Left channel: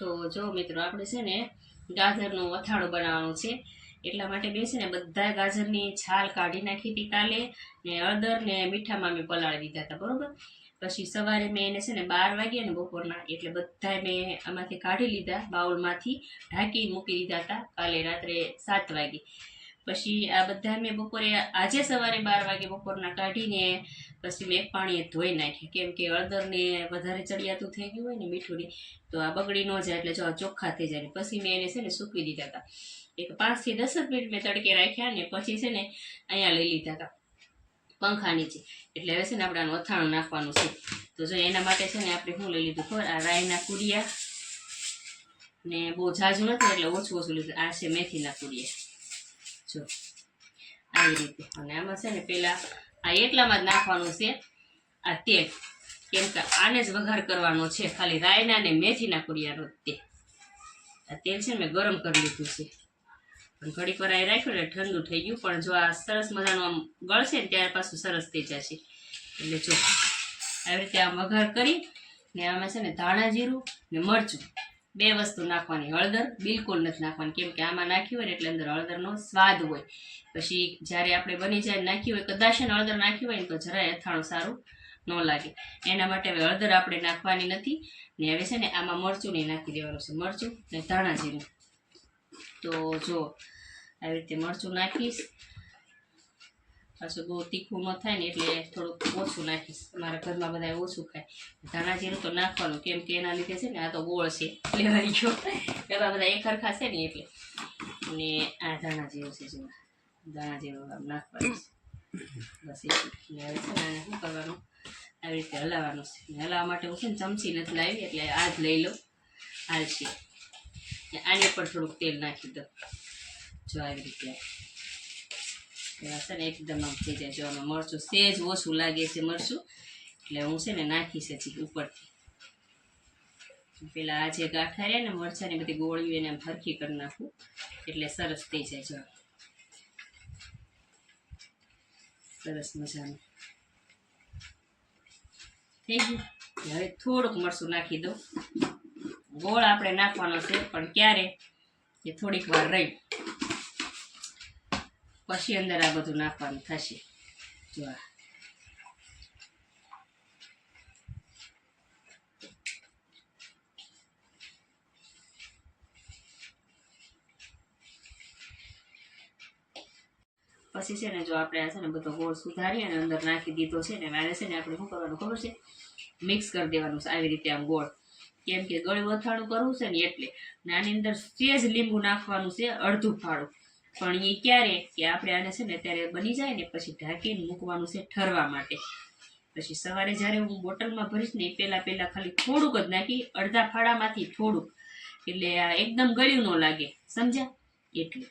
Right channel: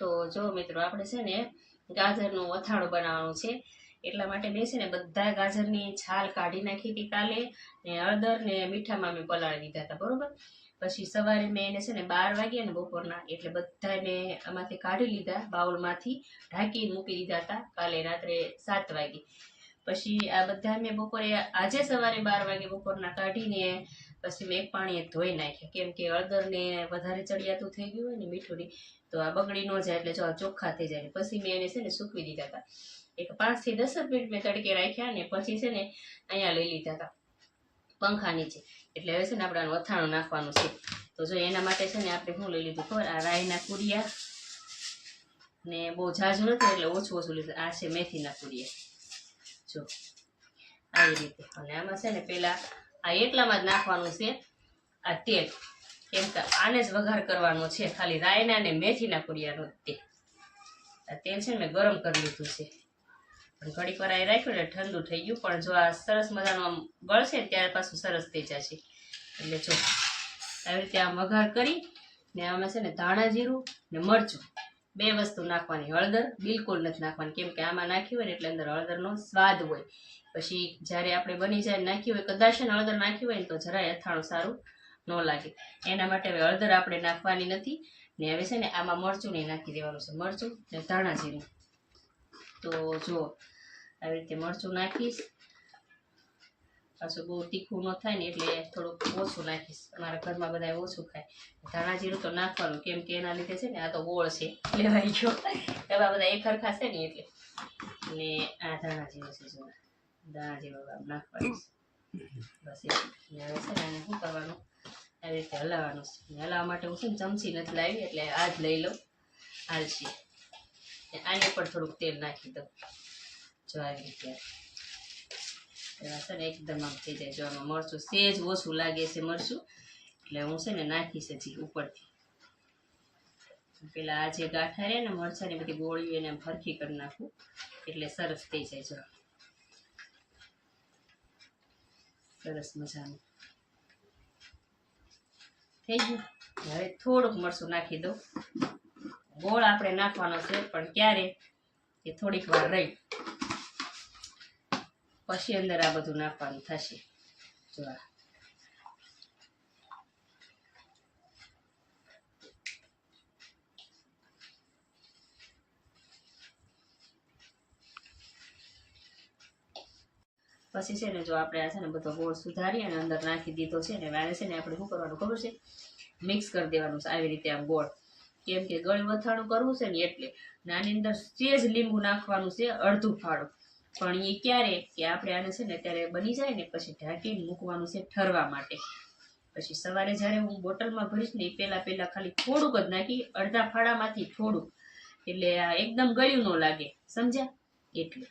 તો જો મિત્રો આપણે છે ને ગાજરનું અથાણું બનાવવાનું છે, એટલા માટે મેં છે ને બધા ગાજરની છાલ કાઢી નાખી હતી કાલે, ને હળદર ને મીઠામાં મેં પલાળી દીધા હતા, બરોબર. પછી સવારે મેં એને છે ને 12 વાગ્યા ને બપોરના, એટલે બધા મેં આમાંથી કાઢી લીધા, બાઉલમાંથી ઢાંકીને મૂકી દીધા હતા કાલે રાત્રે 7 વાગે. પછી આ બધા મેં બપોરે આજે સવારે 12 વાગે બપોરના કાઢીને પછી મેં એક પાણીએ ધોઈ નાખ્યા, કેમ કે હળદરને વધારે ચડિયાતું થઈ ગયું હોય ને મીઠું, તો આ બગડી ન જાય, એટલે જો ચોખ્ખા થઈ જાય. પછી મેં એને છે ને સૂકવી દીધા હતા, એક 5 થી 10 મિનિટ મેં તડકે રાખ્યા, ને પછી છે ને અહીંયા લઈ લીધા હતા પંખા નીચે. એટલે હવે છે ને આપણે આનું અથાણું નાખવાનું છે. તો જો એના માટે છે ને આપણે શું લઈ લીધું ખબર, આ રાઈના કુડિયા, ને બહુ ઝાઝું નથી એટલે ઓછું ઓછું લીધું. આ છે મેથીના કુડિયા, જો આવી રીતે. અને આમાં છે ને પેલા આ એટલામાં જ નાખવાનું છે આ તેલ, કેમ કે આને જ વઘાર કરવાનો છે, ખાલી રાયના ને મેથીના કુડિયાનો તેલ. આ તેલ છે ને મેં ગરમ કરી લીધું છે, પણ ઘડીક વાર અહીં રાખ્યું ને ઠંડુ થઈ ગયું, પણ જો આ સરસ મજાનું આમ ગળશે ને ત્યાર પાછું સરસ થઈ જશે. એટલે જો આવી રીતે આમ વઘાર કરી ને આમાં છે ને ધાણા જીરું ને મરચું 2 વસ્તુ નાખવાની. હળદર બિલકુલ નથી નાખવાની, કેમ કે આમાં નાખ્યું હોય ને એટલે અંદર હળદરનો સ્વાદ હોય. પછી જ્યારે આપણે બની જાય નાખ્યું હોય, કદાચ ને હળદર નાખ્યું હોય ને તો જરાય અથાણું સારું ન લાગે. એના માટે હવે હળદર આપણે નાખવાની નથી. ને હવે છે ને આમાં મરચું નહીં નાખી દેવાનું છે, મરચું ને ધાણા જીરું. તો જો આવી રીતે મરચું નાખીશ, પાછું બહુ તીખું ન થાય ને એટલે થોડુંક ઓછું નાખીશ. અમારા ઘરમાં બધા ઓછું ખાય. ધાણા જીરું તો નાખવાનું, કેમ કે એના લીધે છે ને આ તો ગોળ છે લેવાઈ ગયો, એવા બધા એક હરખા છે ને એટલે. અને આ ધાણા જીરું છે, જો ધાણા જીરું આમ નાખવાનું બસ. એટલે હવે છે ને આને શું કરવાનું, આવી રીતે હલાવવાનું છે. હલાવવા માટે હું છે ને ચમચી નથી લાવી, એટલે આ જ લઈ લઉં, હાલશે. આને પણ થોડુંક તેલ નાખી દઉં, જો આવી રીતે. એમાં છે ને એકદમ આમ થઈ જાય. જો આમાં મરચું સેજ ઓછું લાગે છે મરચું, એટલે હું છે ને નાખીશ હજી ઉપરથી. પેલા આ જે ગાંઠા રહ્યા ને મરચાંની બધી ગોળીઓ એને આમ ફરખી કરી નાખું, એટલે સરસ થઈ જાય. જો સરસ મજાનું થઈ ગયું. હવે થોડુંક મરચું નાખી દઉં. ગોળ આપણે નાખવાનો છે, પણ ક્યારે એ થોડીક વાર રહી પછી અંદર આ બધું નાખવાનું થશે. જો પછી છે ને જો આપણે આ છે ને બધો ગોળ સુધારી અને અંદર નાખી દીધો છે ને, આને છે ને આપણે શું કરવાનું ખબર છે, મિક્સ કરી દેવાનું છે આવી રીતે આમ ગોળ. કેમ કે ગળ્યું અથાણું કરવું છે ને એટલે. ને આની અંદર સેજ લીંબુ નાખવાનું છે, અડધું ફાળું. પણ એ ક્યારે કે આપણે આને છે ને ત્યારે બની જાય ને પછી ઢાંકીને મૂકવાનું છે ઠરવા માટે. પછી સવારે જ્યારે હું બોટલમાં ભરીશ ને એ પહેલાં ખાલી થોડુંક જ નાખી, અડધા ફાળામાંથી થોડુંક, એટલે આ એકદમ ગળ્યું ન લાગે, સમજ્યા? એટલે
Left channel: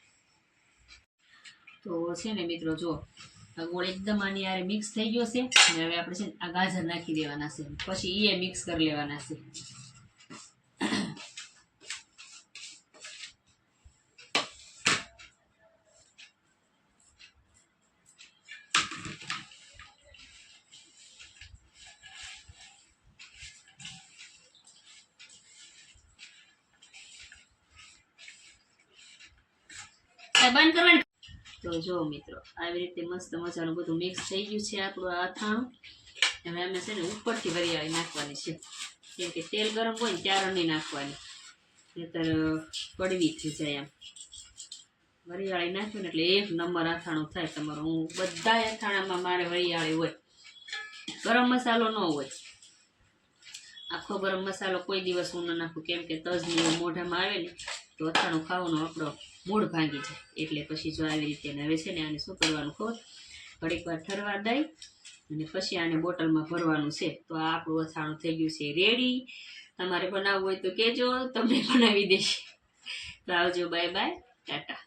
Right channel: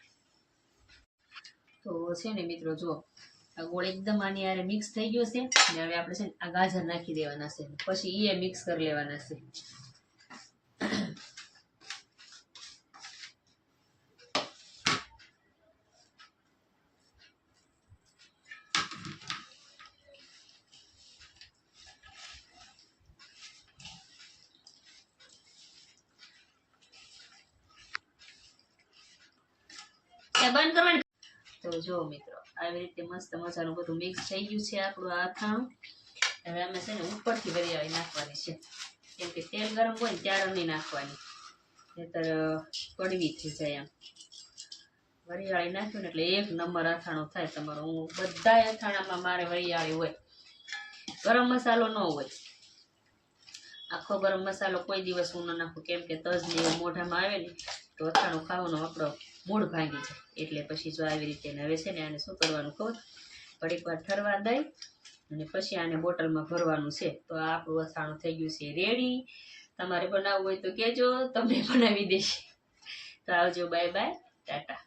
તો છે ને મિત્રો જો આ ગોળ એકદમ આની યારે મિક્સ થઈ ગયો છે. ને હવે આપણે છે ને આ ગાજર નાખી દેવાના છે, પછી એ મિક્સ કરી લેવાના છે. બંધ કરવાની. તો જો મિત્રો આવી રીતે મસ્ત મજાનું બધું મિક્સ થઈ ગયું છે આપણું આ અથાણું. હવે અમે છે ને ઉપરથી વરિયાળી નાખવાની છે, કેમ કે તેલ ગરમ હોય ને ત્યારે નહીં નાખવાની, નહીતર કડવી થઈ જાય. આમ વરિયાળી નાખ્યું ને એટલે 1 નંબર અથાણું થાય તમારું. હું બધા અથાણામાં મારે વરિયાળી હોય, ગરમ મસાલો ન હોય. આખો ગરમ મસાલો કોઈ દિવસ હું ન નાખું, કેમ કે તજની મોઢામાં આવે ને તો અથાણું ખાવાનો આપણો મૂળ ભાંગી જાય. એટલે પછી જો આવી રીતે. હવે છે ને આને શું કરવાનું ખબર, ઘડીક વાર ઠરવા દઈ અને પછી આને બોટલમાં ભરવાનું છે. તો આ આપણું અથાણું થઈ ગયું છે રેડી. તમારે બનાવવું હોય તો કહેજો, તમને બનાવી દઈશ. તો આવજો, બાય બાય, ટાટા.